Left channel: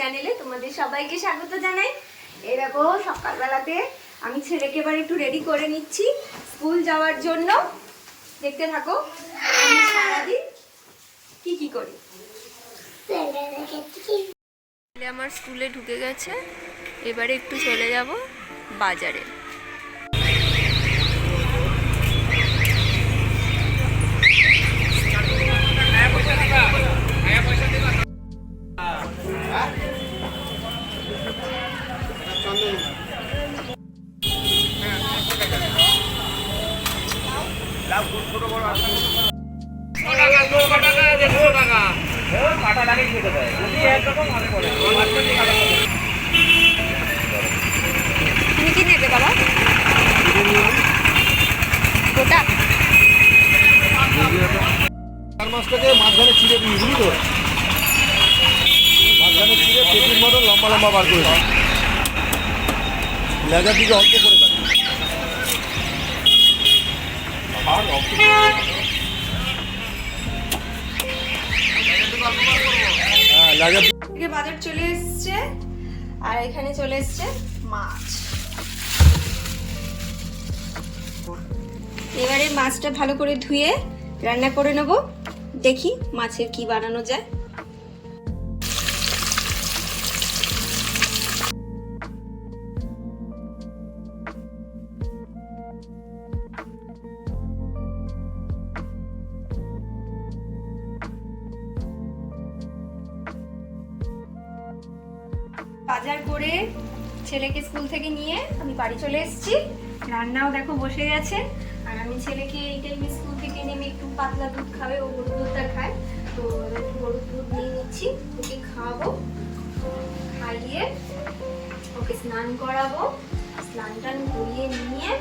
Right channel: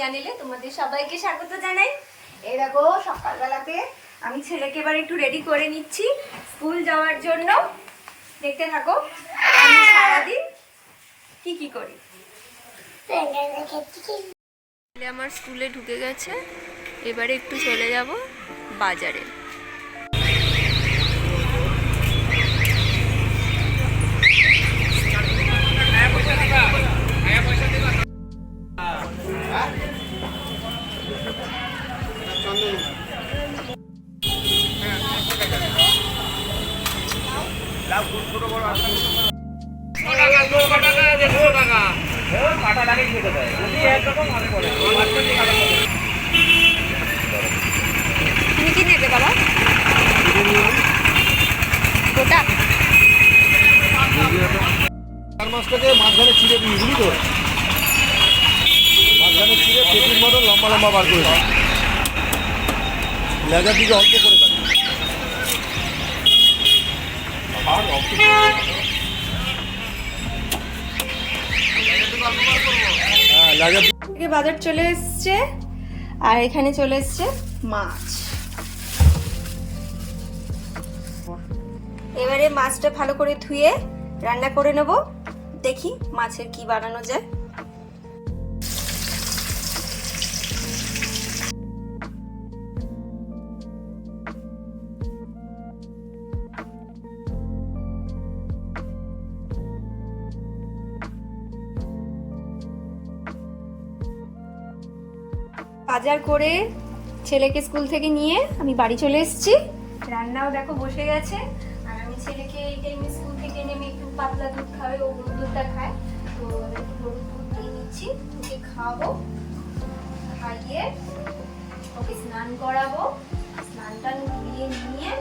চ্যানেলে তোমাদের সবাইকে স্বাগত জানাই। এই দেখো সকালবেলাতে আমি ছেলেকে এবার একটু রেডি করে নিচ্ছি স্কুল যাওয়ার জন্য। দেখতে থাকো আমি সারাদিন কি করি। আমার স্কুলে ঢুকে গেছে, এবারে একটু চলে যাব বাজারে। তুমি কি নেবে বাবা? গোটা মাছটাকে মাঝখানে ছিঁড়ে দিই, বুঝলি তো? মাঝখানে ছিঁড়ে পেটির মতন লম্বা লম্বা বার করে দিই, লেজার দিকে অল্প করে কাটি। বাজার চলে এসছে আর এখানে চলে এসছে মাছ। এবারে মাছটা ভালো করে ধুয়ে রান্না করে নেব। দেখি মাছের কি বানানো যায়। বাজার করে ছেলেকে স্কুল থেকে নিয়ে আমি বাড়ি চলে এসেছি। রান্নাও দেখো বসে গেছে। আর আমি ছেলেকে এই টাইমে স্কুল থেকে নেমে একটু পাতলা দুধ খাবে, ও গরুর দুধটা খায়, তো একটু গরুর দুধ নিয়ে নিচ্ছি, ওকে খাওয়াবো। খাইয়ে ওকে স্নান করাবো, স্নান টান করিয়ে নিয়ে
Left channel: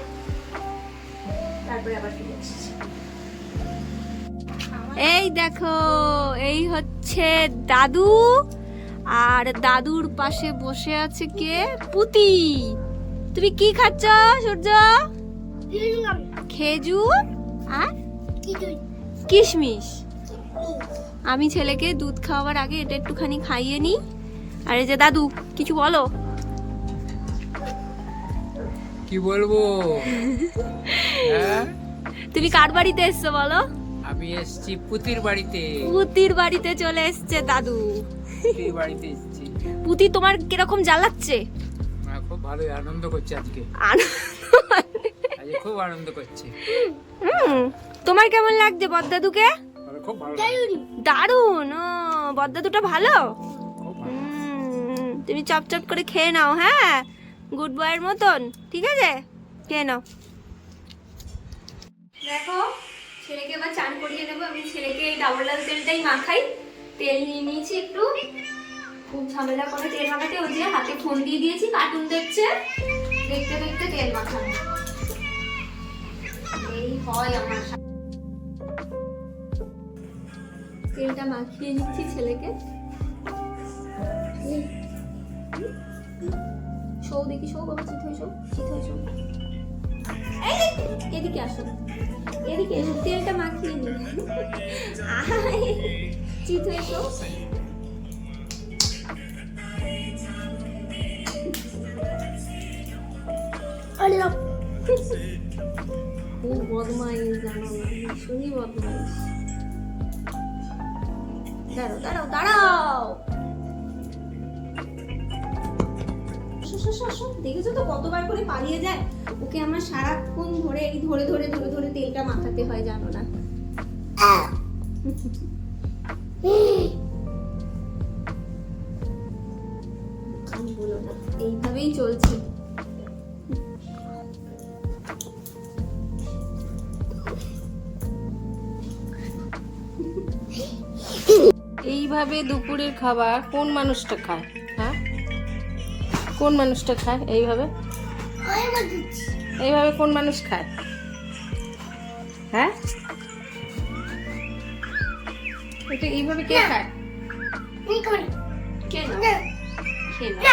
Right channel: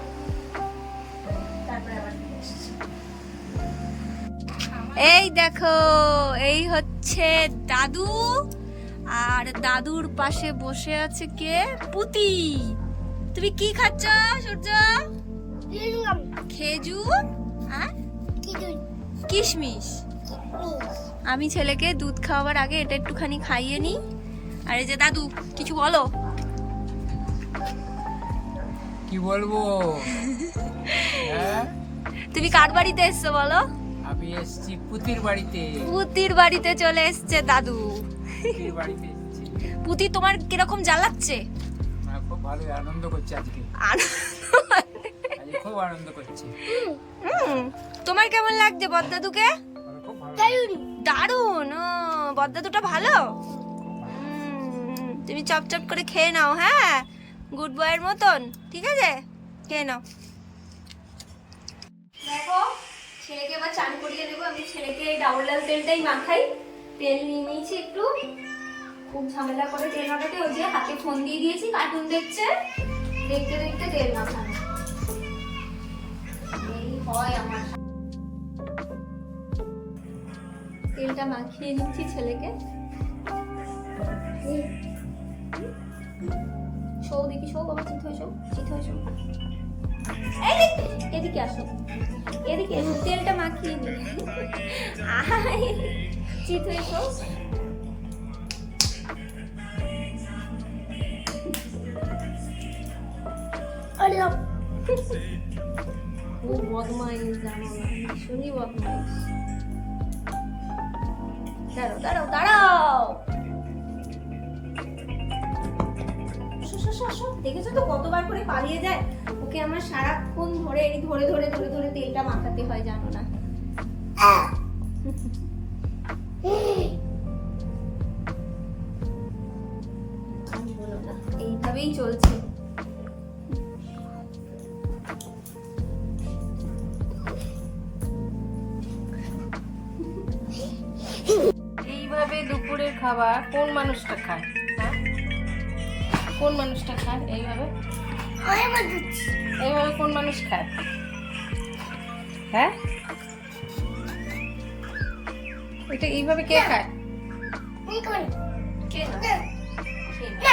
তারপরে আবার ফিরে এসেছি। এই দেখো এই হচ্ছে দাদু, আর দাদুর পাশে বসে আছে কে? পুতি। তুমি কি খাচ্ছ সূর্য? খেজুর আর কিশমিশ। আমি ছেলেকে দুধ খাওয়ার আগে এটা একটুখানি খাইয়ে নি। আর এই যে দাদু, কিছু বলো। কি বলবো? তুমি কার বাড়িতে এসছো বলো? আমি এসেছি পুতির বাড়িতে। পুতির বাড়িতে চলে এসছে দাদু। পুতির বাড়িতে এসেছি। পুতি তোমার কিরকম জ্বালাচ্ছে? খুব ভালো আনন্দ করছে আজকে। আজকে খুব আনন্দ করছে। তোমার কেমন লাগছে বড়দাদুকে? খুব ভালো। দারুণ। ও বড়দাদুটা ভালো। তুমি চপচপ করে খেয়ে নাও, হ্যাঁ, গুড বয়ের মতন। ঠিক আছে, খেয়ে নাও। দেখো ছেলেকে এবার চান করিয়ে নেবো। আমি ছেলেকে এই ডাবল লাল তেলটাই মাখাই। তেল নিয়ে নিয়েছি একটু, খুব ঝামেলা করে তেল মাখাতে। ওই যে হাতে ফোন দিয়ে দিয়েছি, কার্টুন দেখছে, দেখতে দেখতে তেল মাখানো। এই হয় আমার। তেলটা মাখিয়ে নিচ্ছি ছেলেকে। শো দেখি, শো বাবা, চিত হয়ে শো, চিত হয়ে শো। এদিকে আসো, এদিকে এসো, তেলটা মাখিয়ে নি। চিত হয়ে শো। খুব বদমাইশ, জানো না, ভীষণই বদমাইশ। দাঁড়াও দাঁড়াও দাঁড়াও। দেখেছো তো কতবার করে পালিয়ে যায়। ওকে আমার সারাক্ষণ ধরে এই ধরে ধরে ধরে ধরে তেলটা মাখাতে হয়, জানো না। আমি বলো না, এইভাবেই চলছে। এইভাবে দুপুরের খাবার কোন মানুষটা খায়? হ্যাঁ, কোন মানুষটা খায় এইভাবে? এইভাবে কোন মানুষ খায়? হ্যাঁ, এটা এইভাবে কে খায়?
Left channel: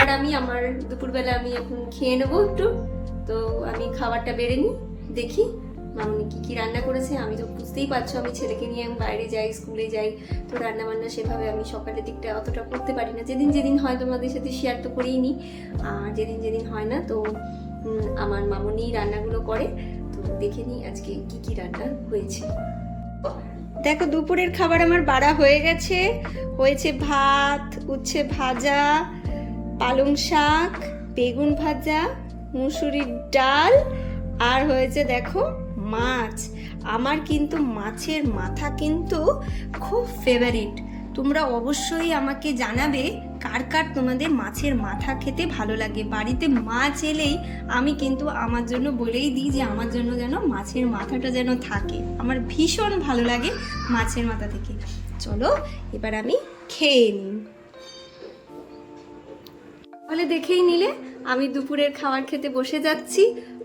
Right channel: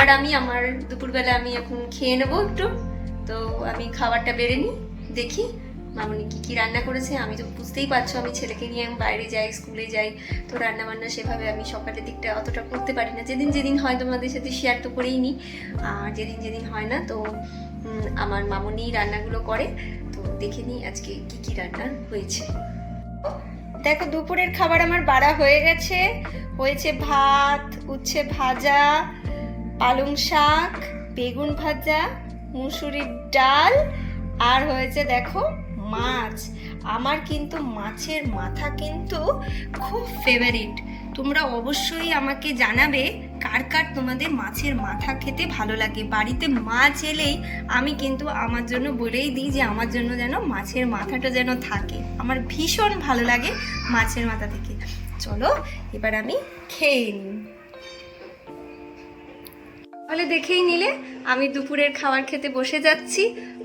আর আমি আমার দুপুরবেলা আমি এখন খেয়ে নেবো একটু। তো আমি খাবারটা বেড়ে নিই, দেখি মামনি কি রান্না করেছে। আমি তো বুঝতেই পারছো আমি ছেলেকে নিয়ে আমি বাইরে যাই, স্কুলে যাই, তো রান্না বান্না সেভাবে আমি সকালের দিকটা অতটা করতে পারি না। যেদিন যেদিন হয় তোমাদের সাথে শেয়ার তো করেই নিই, আর যেদিন যেদিন হয় না তো আমার মামনি রান্নাগুলো করে। তো দেখে নিই আজকে কি রান্না হয়েছে। দেখো দুপুরের খাবার আমার বাড়া হয়ে গেছে। হয়েছে ভাত, উচ্ছে ভাজা, পালং শাক, বেগুন ভাজা, মুসুরির ডাল, আর হয়েছে দেখো মাছ। আমার কিন্তু মাছের মাথা কিন্তু খুব ফেভারিট। তোমরা অবশ্যই আমাকে জানাবে কার কার তোমাদের মাছের মাথা খেতে ভালো লাগে। বাড়িতে মাছ এলেই আমি কিন্তু আমার জন্য বলেই দিই যে আমার জন্য যেন মাছের মাথাটা যেন থাকে। আমার ভীষণ ভালো লাগে মাছের মাথা থেকে। চলো এবার আমি খেয়ে নিই। তাহলে দেখেই নিলে আমি দুপুরের খাবার খেতে বসে যাচ্ছি।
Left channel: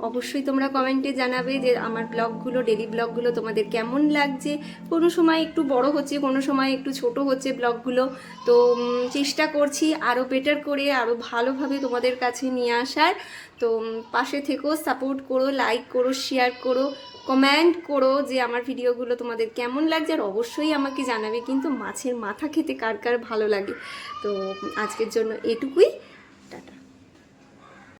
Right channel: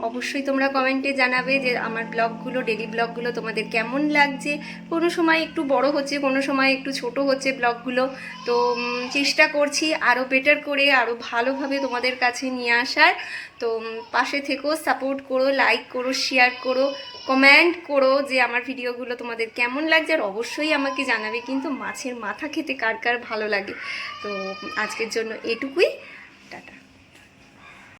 অবশ্যই তোমরা কমেন্টে জানাবে যে আমার ব্লগগুলো, ডেলি ব্লগগুলো তোমাদের কেমন লাগছে। কোনো সময় একটু বড় হচ্ছে, কোনো সময় একটু ছোট হচ্ছে ব্লগগুলো। তো চেষ্টা করছি আরও বেটার করে, আরও ভালোভাবে তোমাদের কাছে নিয়ে আসার। তো পাশে থেকেও সাপোর্ট করো, লাইক করো, শেয়ার করো, কমেন্ট করো যে আমার ভিডিওগুলো তোমাদের কেমন লাগছে। আর অবশ্যই আমাকে জানাবে কিন্তু মাছের মাথা খেতে কার কার ভালো লাগে। তো আজকের জন্য এটুকুই।